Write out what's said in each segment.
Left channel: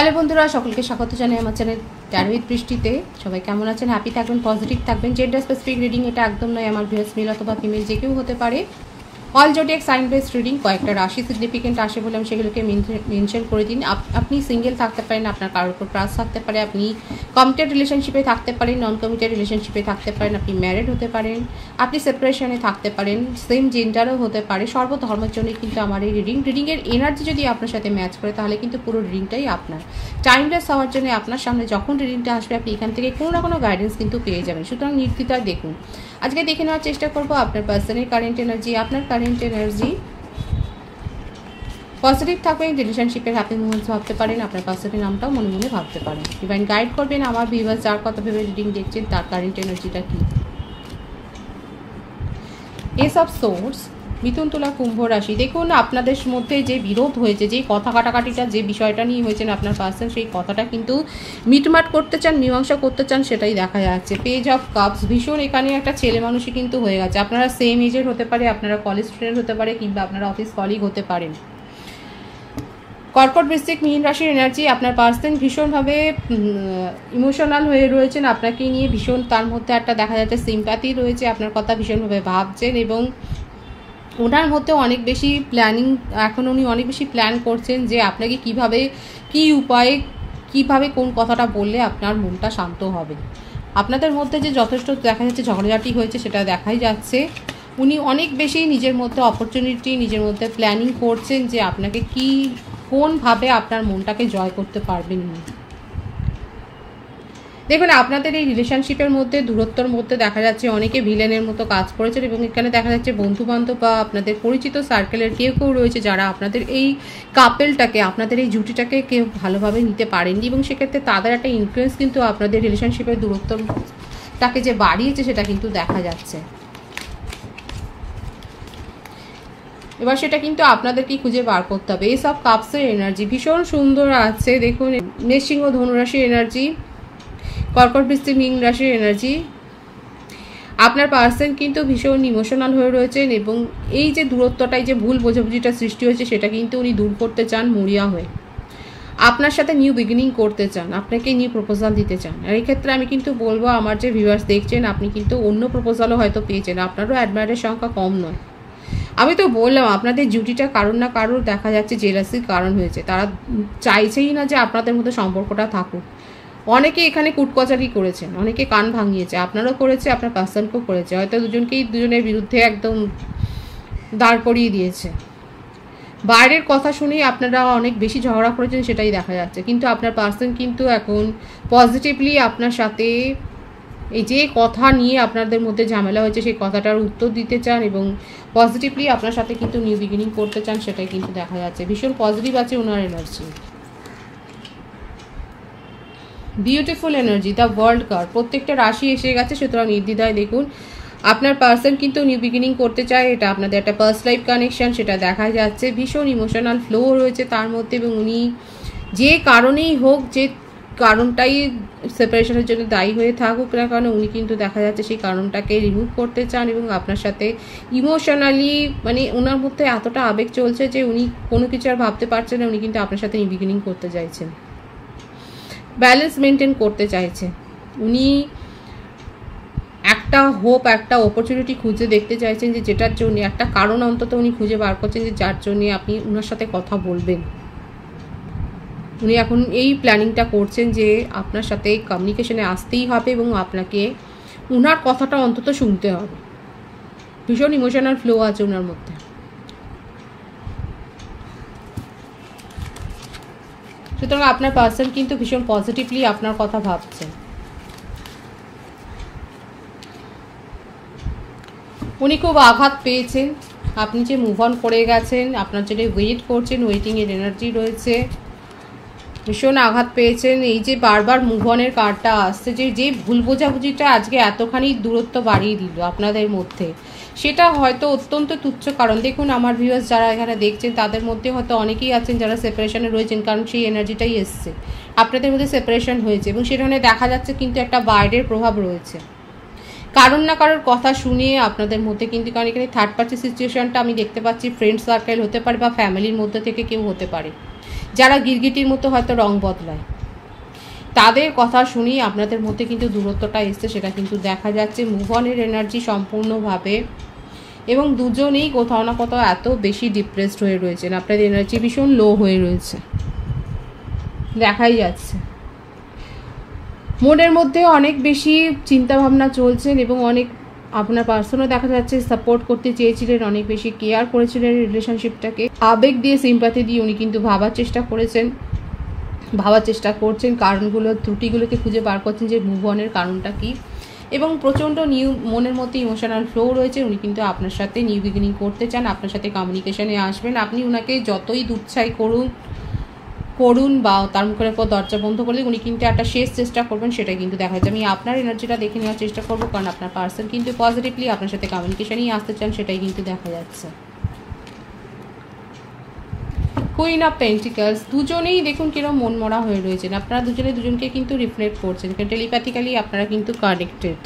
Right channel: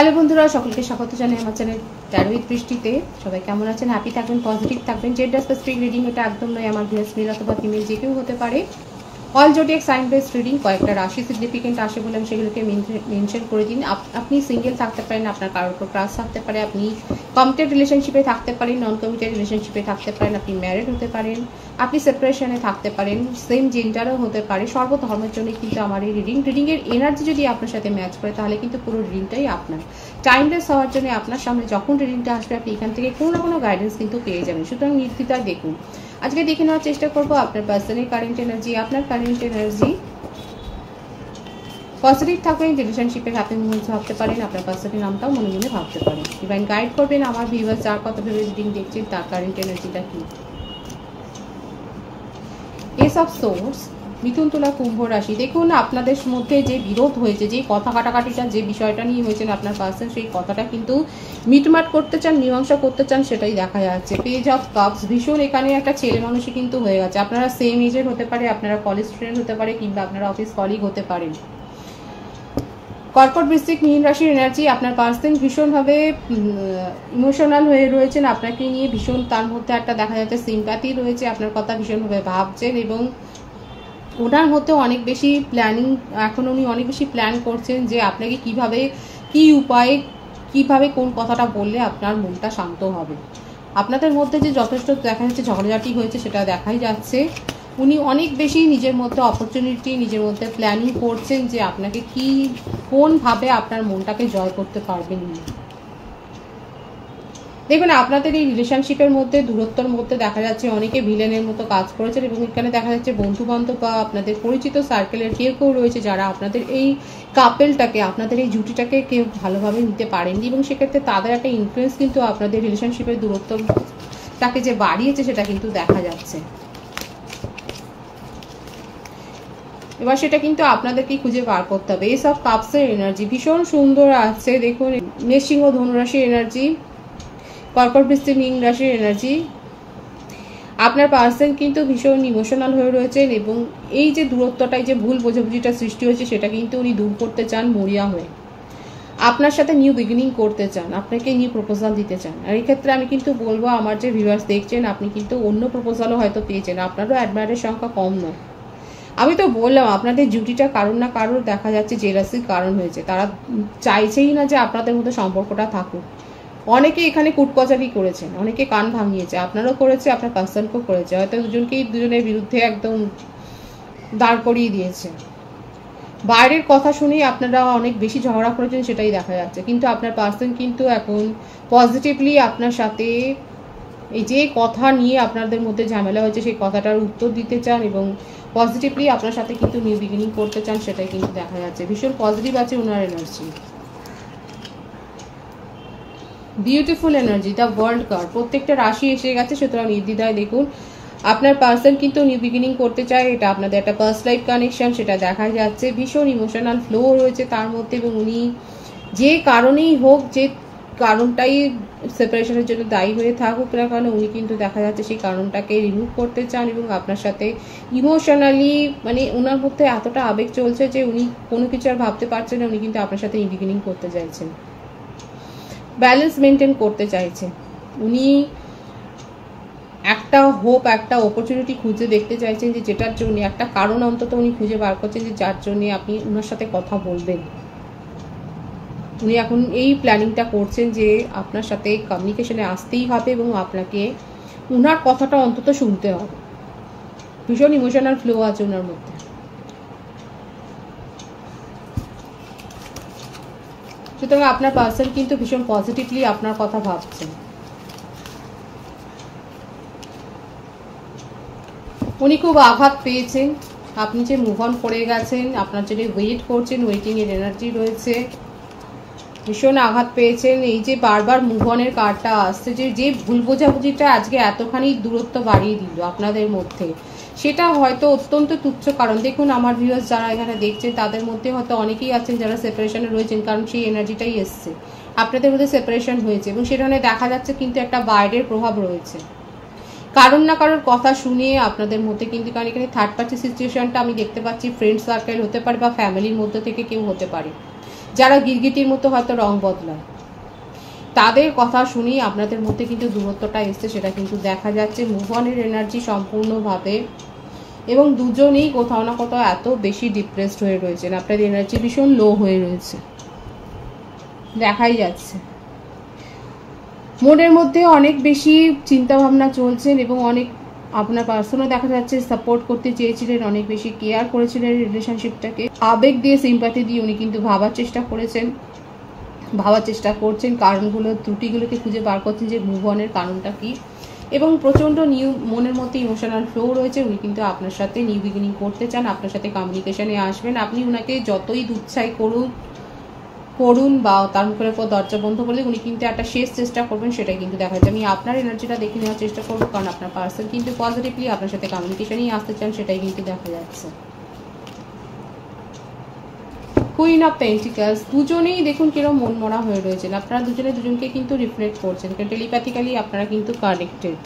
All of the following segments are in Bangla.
হ্যালো বন্ধুরা, সকলকে স্বাগত জানাই আমার চ্যানেল ট্যারো উইথ বৃষ্টিতে। সবাই কেমন আছেন? হ্যাপি থাকবেন, পজিটিভ থাকবেন। জেন্ডার স্পেসিফিক রিডিং এটা একদম নয়, আমার ভিউয়ার্স মেল অথবা ফিমেল যে কেউ হতে পারে। All zodiac sign based reading, কয়েকটা রাশি সিগনিফিকেন্ট আসে বলে আমি সেগুলোকে মেনশন করে দিন। আপনি সিঙ্গেল থাকতে পারেন, আপনার কারোর উপর ট্রাস্ট থাকতে পারে, আপনি কমিটেড রিলেশনশিপে থাকতে পারেন, নন কমিটেড রিলেশনশিপে থাকতে পারেন, আপনি ম্যারিড হতে পারেন, আপনি সেপারেশনে থাকতে পারেন, সেম জেন্ডারও হতে পারে। সর্বধর্মের জন্য কিন্তু আমার এই রিডিংয়ের এনার্জি যদি আপনার সাথে ম্যাচ করে তাহলে কিন্তু পুরো রিডিংটাই আপনার। টাইমলেস হওয়ার জন্য আপনার সামনে যখন রিডিংটা আসবে আপনি এখান থেকে কোনো না কোনো গাইডেন্স কিন্তু পেয়ে যাবেন। সুতরাং নির্দ্বিধায় দেখুন। আজকে দেখে নেওয়ার চেষ্টা করবো আপনার পার্সনের কারেন্ট এনার্জি। আপনার কারেন্ট এনার্জি পজিটিভ থাকবেন, রিলেশনশিপের হ্যাপি মুভমেন্টস ভাবতে পারেন, আপনার পার্সনের নামটাও মনে মনে ভাবতে পারেন। ইভেন গাইড করবেন আমার ভিউয়ার্স যার কথা ভেবে রিডিং দেখছেন তার কারেন্ট এনার্জিটা কি। এস অফ সোর্স, মিথুন তুলা কুম্ভ রাশি। দেখুন আপনাদের মধ্যে যে বিরোধ হয়েছে, যে কথা কাটাকাটিটা যে বিষয়টা নিয়ে হয়েছেন আপনার পার্সন সেই কথাটা কিন্তু মিটমাট করতে চান, মীমাংসা করতে চান, সেটাই দেখা যাচ্ছে। পেজ অফ কাপস, ভীষণ এখানে একটা ছেলে মানুষই কিন্তু হয়ে গেছে। আপনারা সেম এজের হতে পারে, আপনারা কলেজ স্টুডেন্ট হতে পারে, কিংবা আপনারা অফিস কলিগ হতে পারেন। কর্কট বৃশ্চিক মীন রাশির এনার্জি, আপনার পার্সন ভীষণভাবে ইমোশনাল হয়ে রয়েছেন আপনাকে নিয়ে। ভীষণ তার মধ্যে একটা দেখা যাচ্ছে সিম্প্যাথি রয়েছে, আপনার কথা ভীষণভাবে ভাবছেন এবং ওনার মধ্যে অনেক বেশি প্ল্যানিং, এখন উনি অনেক বেশি প্ল্যান করছেন যে আপনাকে কিভাবে, কি উপায়ে, কিভাবে কোন কথাটা বললে আপনার মনটা শান্ত হবে। আপনাদের মধ্যে যে যথেষ্ট দেখা যাচ্ছে ঝগড়াঝাটি হয়েছে সেটা দেখাই যাচ্ছে। উনি অনেক বেশি নিজের মধ্যে অপরচুনিটি, নিজের মধ্যে প্ল্যানিং করছেন যে আপনাকে কি, কোনভাবে আপনার মনটাকে জয় করতে পারবেন। দেখবেন আপনাদের এই রিলেশনশিপের মধ্যে দূরত্বর মধ্যে দেখা যাচ্ছে অনেকে ভিলেনের মতো কাজ করেছেন এবং এখানে দেখা যাচ্ছে বন্ধু বান্ধব বা আপনাদের পরিচিত সার্কেলের কেউ কেউ রয়েছে যারা আপনাদের এই কাপেলটাকে, আপনাদের এই জুটিটাকে কেউ ভালোভাবে নিতে পারেননি এবং সেক্ষেত্রে তাদের একটা ইনফ্লুয়েন্স কিন্তু আপনাদের রিলেশনশিপের দূরত্বটাকে যে বাড়িয়েছে সেটা কিন্তু দেখা যাচ্ছে। এবার সেটা কিন্তু আপনাদেরকেই খুঁজে বার করতে হবে। এই সব কাপসের এনার্জি ভীষণ সুন্দর আছে। দেখুন মেষ সিংহ ধনুরাশির এনার্জি, কর্কট বৃশ্চিক মীন রাশির এনার্জি। আপনার পার্সন কিন্তু ভীষণ ইমোশনাল হয়ে রয়েছেন এবং এই যে দূরত্বটাই যে ভুল বোঝাবুঝিটা সৃষ্টি হয়েছে সেটা কিন্তু উনি দূর করতে চান মরিয়া হয়ে। আপনার সাথে নিউ বিগিনিং করতে চান, আপনাকে নিউ প্রপোজাল দিতে চান। আর এই ক্ষেত্রে আমি কিন্তু বলবো আমার যে ভিউয়ার্স দেখছেন আপনি কিন্তু অন্য প্রপোজালও হয়তো পেয়েছেন, আপনারও অ্যাডমায়ারের সংখ্যা কম নয়। আমি তো বললাম আপনাদের জুটিটা কারোর না কারোর দেখা যাচ্ছে জেলাসির কারণ হয়েছে, তারা চাইছেই না যে আপনাদের মধ্যে সম্পর্কটা থাকুক। অনেকে এখানে কুটকচারি করেছেন, অনেকে কান ভাঙিয়েছে, আপনারও করেছে, আপনার পার্সনকেও করেছে, হয়তো দুজনের বিরুদ্ধে একদম দাঁড় করিয়ে দিয়েছে। বাইরের কথা শুনেই আপনারা অনেক বেশি ঝগড়া করেছেন সেটাই দেখা যাচ্ছে, কিন্তু আপনার পার্সন কিন্তু এখন পজিটিভলি আপনার সাথে এই যে কথা নিয়ে আপনাদের মধ্যে ঝামেলা হয়েছে সেই কথাটার উত্তর দিতে চান এবং পজিটিভলি আপনার সাথে কিন্তু নিউ বিগিনিং করতে চান, সেটাই কিন্তু দেখা যাচ্ছে। ভীষণ পজিটিভ আছে ওনার energy. Beautiful energy, the world card, প্রত্যেকটা রাশি এসে গেছে। সুতরাং নির্দ্বিধায় দেখুন আপনার পার্সন কিন্তু নিউ বিগিনিং করতে চায়, এটা আপনাদের একটা পার্সোনাল লাইফ কানেকশন সেটা দেখা যাচ্ছে। ভীষণ ইমোশনাল ফ্লো রয়েছে তার মধ্যে এবং উনি যে কারণেই হোক, যে কারণটাই সেপারেশনের জন্য দায়ী হয়ে থাকুক না কারণ উনি কিন্তু দেখা যাচ্ছে সেই কারণটাকে রিমুভ করতে চান এবং আপনার সাথে ইমোশনালি, মানে ওনার মধ্যে এতটা আবেগ চলছে যে উনি কোনো কিছু আর ভাবতে পারছেন না, উনি কিন্তু আপনার সাথে নিউ বিগিনিং করতে চাইছেন, ব্যালেন্স মেনটেন করতে চাইছেন। উনি একটা হোপ, একটা অপরচুনিটি খুঁজে দেখতে চাইছেন যে যেটার জন্য একটা কারণ অন্তত উনি খুঁজে বার করছেন যে যার জন্য আপনি ওনার সাথে কথা বলবেন। উনি এখন এই প্ল্যানিংটা করছেন যে আপনার সাথে কমিউনিকেশনে আসতেই হবে এবং আপনাকে ওনার কথাটা অন্তত শুনতে হবে। ভীষণ ইমোশনাল ফ্লো আছে ওনার মধ্যে। সুতরাং আপনার পার্সন কিন্তু ভীষণ পজিটিভলি আপনার কথা ভাবছেন। উনি খুব আঘাত পেয়েছেন, আপনি যে মুভ অন করে গেছেন, আপনার জন্য ওয়েট করছেন, ওয়েটিং এর এনার্জি রয়েছে। ভীষণ আঘাত পেয়েছেন, এই যে বারবার মুভ অনের কার্ডটা আসছে, যে ভুল বোঝাবুঝিটা আজকে এতখানি দূরত্ব বাড়িয়ে দিল আপনাদের মধ্যে, সেটা হয়তো অত্যন্ত তুচ্ছ কারণ। দেখুন আমার ভিউয়ার্স যারা এখানে দেখছেন তাদের মধ্যে হয়তো অনেকেই আছেন যারা সেপারেশনে রয়েছেন, কারণ সেই এনার্জিটাই এসছে, আপনাদের মধ্যে সেপারেশন হয়েছে এবং সেখানে দেখা যাচ্ছে কিন্তু একটা বাইরের প্রভাব রয়েছে। কারণ না কারোর কথা শুনে আপনাদের মধ্যে কিন্তু, কারণ এখানে থার্ড পার্টি সিচুয়েশনটা আমি দেখতে পাচ্ছি, ফ্রেন্ড সার্কেল হতে পারে বা ফ্যামিলির মধ্যে থেকে কেউ হতে পারে যারা গিরগিটির মতো হয়তো রং বদলায়, তাদের কথা শুনেই আপনাদের মধ্যে কিন্তু দূরত্বটা এসছে, সেটা কিন্তু দেখা যাচ্ছে। মুভ অনের এনার্জি সম্পূর্ণভাবে, এবং দুজনেই কোথাও না কোথাও এত বেশি ডিপ্রেসড হয়ে রয়েছেন, আপনাদের এনার্জি ভীষণ লো হয়ে রয়েছে, দেখাই যাচ্ছে। মনের মধ্যে অনেক বেশি চিন্তা ভাবনা চলছেন, এবং অনেক আপনার পার্সনও দেখা যাচ্ছে সাপোর্ট করতে চেয়েছিলেন, অনেক বেশি কেয়ার করেছিলেন রিলেশনশিপটাকে, আবেগ দিয়ে সিম্প্যাথি দিয়ে উনি কিন্তু ভাবার চেষ্টা করছেন কারণগুলো, ত্রুটিগুলোকে খুঁজে বার করছেন যে মুভ অনের কারণটা কি, এবং প্রচণ্ড মনের মধ্যে ইমোশনাল ফ্লো রয়েছে। উনি কিন্তু আপনার সাথে নিউ বিগিনিং করতে চান, আপনার সাথে কমিউনিকেশনে আসবেন। আপনি ওনাকে যতই দুচ্ছাই করুন বা তার মুখের উপর দরজা বন্ধ করলে উনি কিন্তু একটা শেষ চেষ্টা করবেন, সেটা কিন্তু দেখা যাচ্ছে। আমি আপনার এনার্জিটা দেখে নেওয়ার চেষ্টা করবো, কারণ আপনার পার্সন কিন্তু পজিটিভলি আপনার সাথে কমিউনিকেশনেই আসতে চান, সেটাই কিন্তু দেখা যাচ্ছে। কুইন অফ পেন্টিকলস, দুজনেই দেখুন কিরকম মনমরা হয়ে রয়েছেন, আপনারা দুজনে দুজনকে কিন্তু রিফ্লেক্ট করছেন, টেলিপ্যাথিক্যালি আপনারা কিন্তু কানেক্টেড।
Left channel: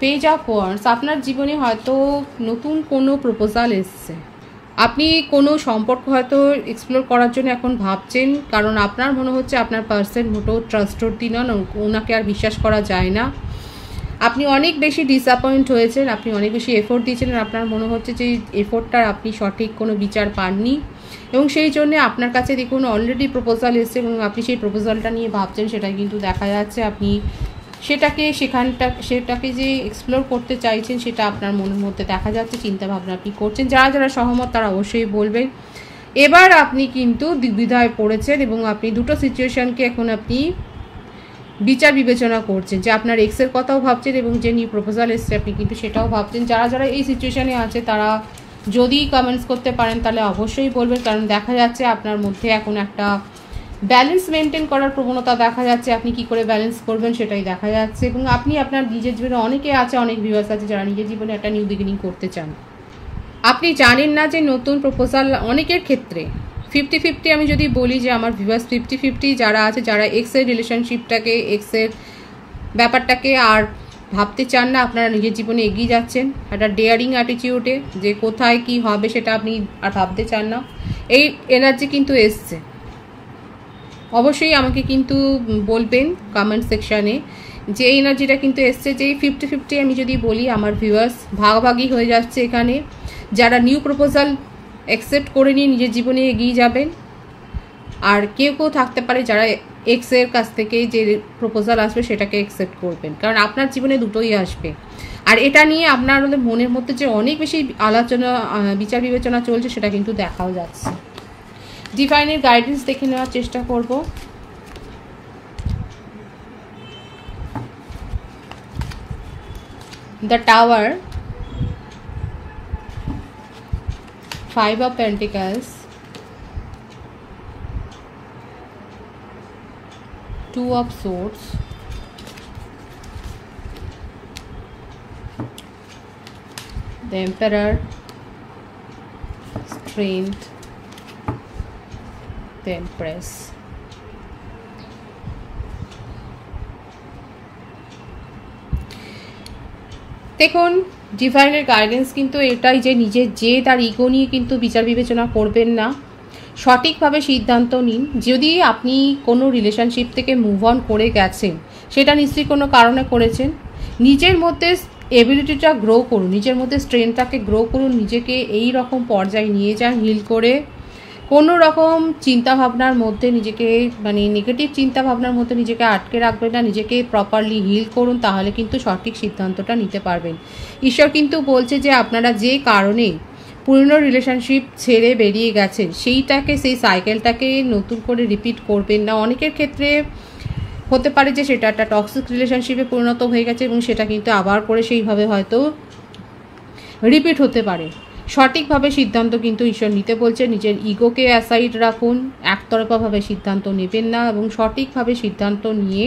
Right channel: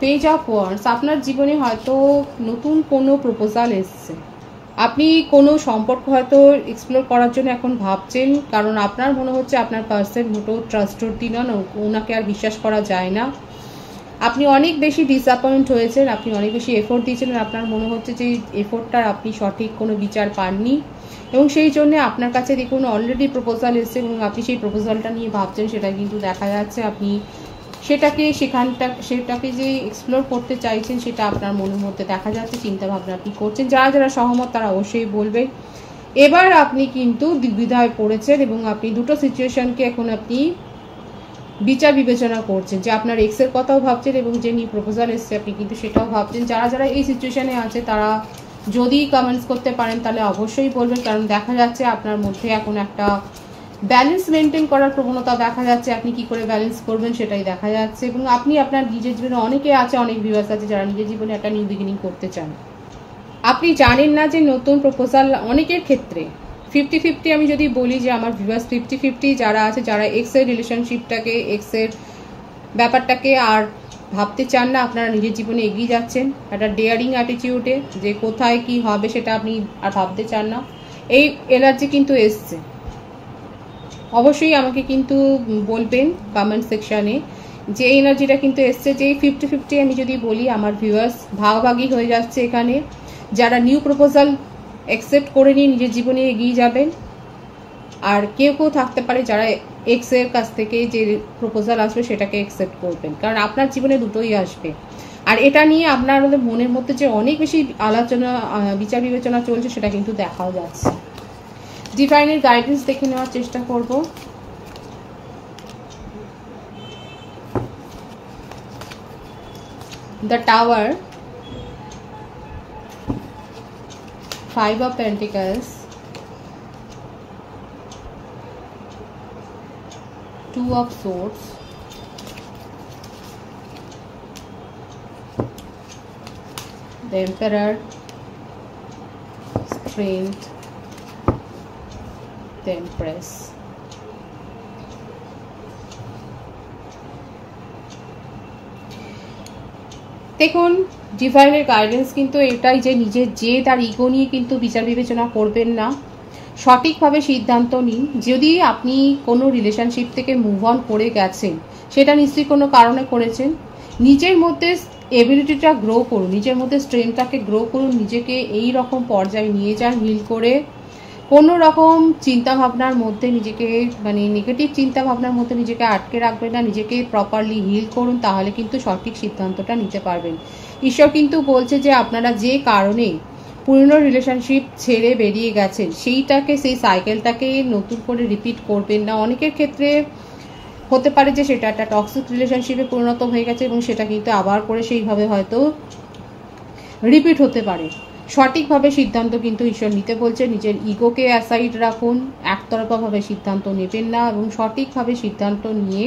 পেজ অফ ওয়ান্ডস, আপনার জীবনে হয়তো নতুন কোনো প্রপোজাল এসছে, আপনি কোনো সম্পর্ক হয়তো এক্সপ্লোর করার জন্য এখন ভাবছেন, কারণ আপনার মনে হচ্ছে আপনার পার্সন মোটেও ট্রাস্টওয়ার্দি নন, ওনাকে আর বিশ্বাস করা যায় না। আপনি অনেক বেশি ডিসঅ্যাপয়েন্ট হয়েছেন, আপনি অনেক বেশি এফোর্ট দিয়েছিলেন, আপনার মনে হচ্ছে যে এফোর্টটার আপনি সঠিক কোনো বিচার পাননি, এবং সেই জন্য আপনার কাছে দেখুন অলরেডি প্রপোজাল এসেছে, এবং আপনি সেই প্রপোজালটা নিয়ে ভাবছেন, সেটা কিন্তু দেখা যাচ্ছে। আপনি সেটাকে যে এক্সপ্লোর করতে চাইছেন, সেটা আপনার মনের মধ্যে দেখা যাচ্ছে, চিন্তা ভাবনা আপনি করছেন। যারা যারা সহমত তারা অবশ্যই বলবেন। এবার আপনি কিন্তু দ্বিধায় পড়েছেন, এবং আপনি দুটো সিচুয়েশনকে এখন আপনি বিচার বিবেচনা করছেন, যে আপনার এক্সের কথাও ভাবছেন, এবং যে নিউ প্রপোজাল এসছে আপনি কিন্তু সেটাও ভাবছেন। যারা যারা এই সিচুয়েশনে আছে তারা যদি কমেন্টস করতে পারেন তাহলে অবশ্যই বলবেন, কারণ দেখা যাচ্ছে আপনার মধ্যে এখন একটা ব্যালেন্স মেনটেন করার প্রবণতা দেখা যাচ্ছে। আপনি কি করে ব্যালেন্স করবেন সেটাই দেখা যাচ্ছে, এবং আপনি আপনার নিজের জীবনে অনেকে আছে, অনেক ভিউয়ার্স আছে যারা নিজের জীবনে একটা নিউ বিগিনিং করতে চান। আপনি জানেন না যে নতুন প্রপোজাল অনেকের ক্ষেত্রে 50-50, আমি যদি বলি যে আমার ভিউয়ার্স 50-50 যারা আছে, যারা এক্সের রিলেশনশিপটাকে, এক্সের ব্যাপারটাকে আর ভাবতে চান না, আপনারা নিজের জীবনে এগিয়ে যাচ্ছেন একটা ডেয়ারিং অ্যাটিটিউডে, যে কোথায় কি হবে সেটা আপনি আর ভাবতে চান না, এই এনার্জি কিন্তু এসছে। অবশ্যই আমাকে কিন্তু বলবেন কমেন্ট সেকশানে যে এই এনার্জিটা কিন্তু এসছে, যে 50-50 আমি যদি বলি আমার ভিউয়ার্স ভাগাভাগি হয়ে যাচ্ছে এখানে। যারা নিউ প্রপোজাল অ্যাকসেপ্ট করে নিয়ে নিজের জীবনে এগিয়ে যাবেন, আর কেউ কেউ থাকতে পারে যারা এক্সের কাছ থেকে যে প্রপোজাল আসবে সেটাকে অ্যাকসেপ্ট করবেন, কারণ আপনার জীবনে দুটোই আসবে। আর এটা নিয়ে আপনার মনের মধ্যে যে অনেক বেশি আলোচনা, বিচার বিবেচনা চলছে, সেটা কিন্তু দেখাও যাচ্ছে। ডিভাইনের গাইডেন্স দেখে নেওয়ার চেষ্টা করব। The tower, 5 of Pentacles, 2 of Swords, the Emperor, Strength, the Empress. দেখুন ডিভাইনের গাইডেন্স কিন্তু এটাই যে নিজের জেদ আর ইগো নিয়ে কিন্তু বিচার বিবেচনা করবেন না, সঠিকভাবে সিদ্ধান্ত নিন। যদি আপনি কোনো রিলেশনশিপ থেকে মুভ অন করে গেছেন, সেটা নিশ্চয়ই কোনো কারণে করেছেন। নিজের মধ্যে এবিলিটিটা গ্রো করুন, নিজের মধ্যে স্ট্রেংথটাকে গ্রো করুন, নিজেকে এই রকম পর্যায়ে নিয়ে যান, হিল করে। কোনো রকম চিন্তাভাবনার মধ্যে নিজেকে, মানে নেগেটিভ চিন্তাভাবনার মধ্যে নিজেকে আটকে রাখবেন না, নিজেকে প্রপারলি হিল করুন, তাহলে কিন্তু সঠিক সিদ্ধান্তটা নিতে পারবেন। ঈশ্বর কিন্তু বলছে যে আপনারা যে কারণে পুরনো রিলেশনশিপ ছেড়ে বেরিয়ে গেছেন, সেই সাইকেলটাকে নতুন করে রিপিট করবেন না। অনেকের ক্ষেত্রে হতে পারে যে সেটা একটা টক্সিক রিলেশনশিপে পরিণত হয়ে গেছে, এবং সেটা কিন্তু আবার করে সেইভাবে হয়তো রিপিট হতে পারে। সঠিকভাবে সিদ্ধান্ত কিন্তু ঈশ্বর নিতে বলছে। নিজের ইগোকে অ্যাসাইড রাখুন, একতরফাভাবে সিদ্ধান্ত নেবেন না, এবং সঠিকভাবে সিদ্ধান্ত নিয়ে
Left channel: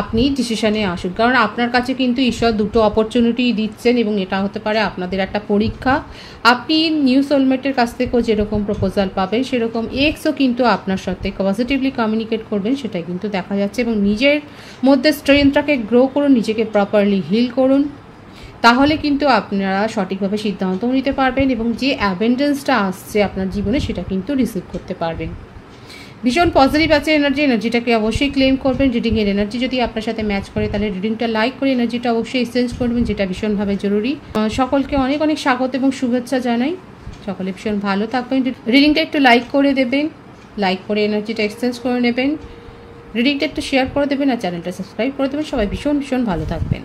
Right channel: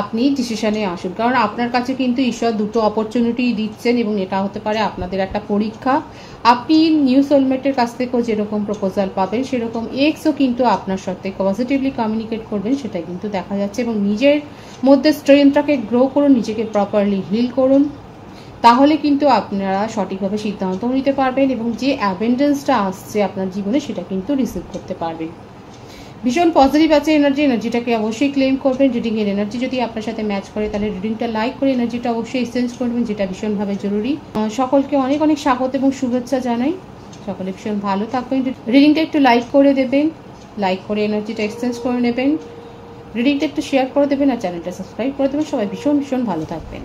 আপনি ডিসিশনে আসুন, কারণ আপনার কাছে কিন্তু ঈশ্বর দুটো অপরচুনিটি দিচ্ছেন, এবং এটা হতে পারে আপনাদের একটা পরীক্ষা। আপনি নিউ সোলমেটের কাছ থেকেও যেরকম প্রপোজাল পাবেন, সেরকম এক্সও কিন্তু আপনার সাথে পজিটিভলি কমিউনিকেট করবেন, সেটা কিন্তু দেখা যাচ্ছে। এবং নিজের মধ্যে স্ট্রেংথটাকে গ্রো করুন, নিজেকে প্রপারলি হিল করুন, তাহলে কিন্তু আপনারা সঠিকভাবে সিদ্ধান্ত নিতে পারবেন এবং যে অ্যাবেন্ডেন্সটা আসছে আপনার জীবনে সেটা কিন্তু রিসিভ করতে পারবেন। ভীষণ পজিটিভ আছে এনার্জিটাকে অবশ্যই ক্লেম করবেন। রিডিংয়ের এনার্জি যদি আপনার সাথে ম্যাচ করে তাহলে রিডিংটা লাইক করে এনার্জিটা অবশ্যই এক্সচেঞ্জ করবেন, যেটা ভীষণভাবে জরুরি। সকলকে অনেক অনেক স্বাগত এবং শুভেচ্ছা জানাই। সকলে ভীষণ ভালো থাকবেন। রিডিংটা একটু লাইক করে দেবেন, লাইক করে এনার্জিটা এক্সচেঞ্জ করে নেবেন, রিডিংটা একটু শেয়ার করে দেবেন আর চ্যানেলটা সাবস্ক্রাইব করে দেবেন। সবাই ভীষণ ভীষণ ভালো থাকবেন।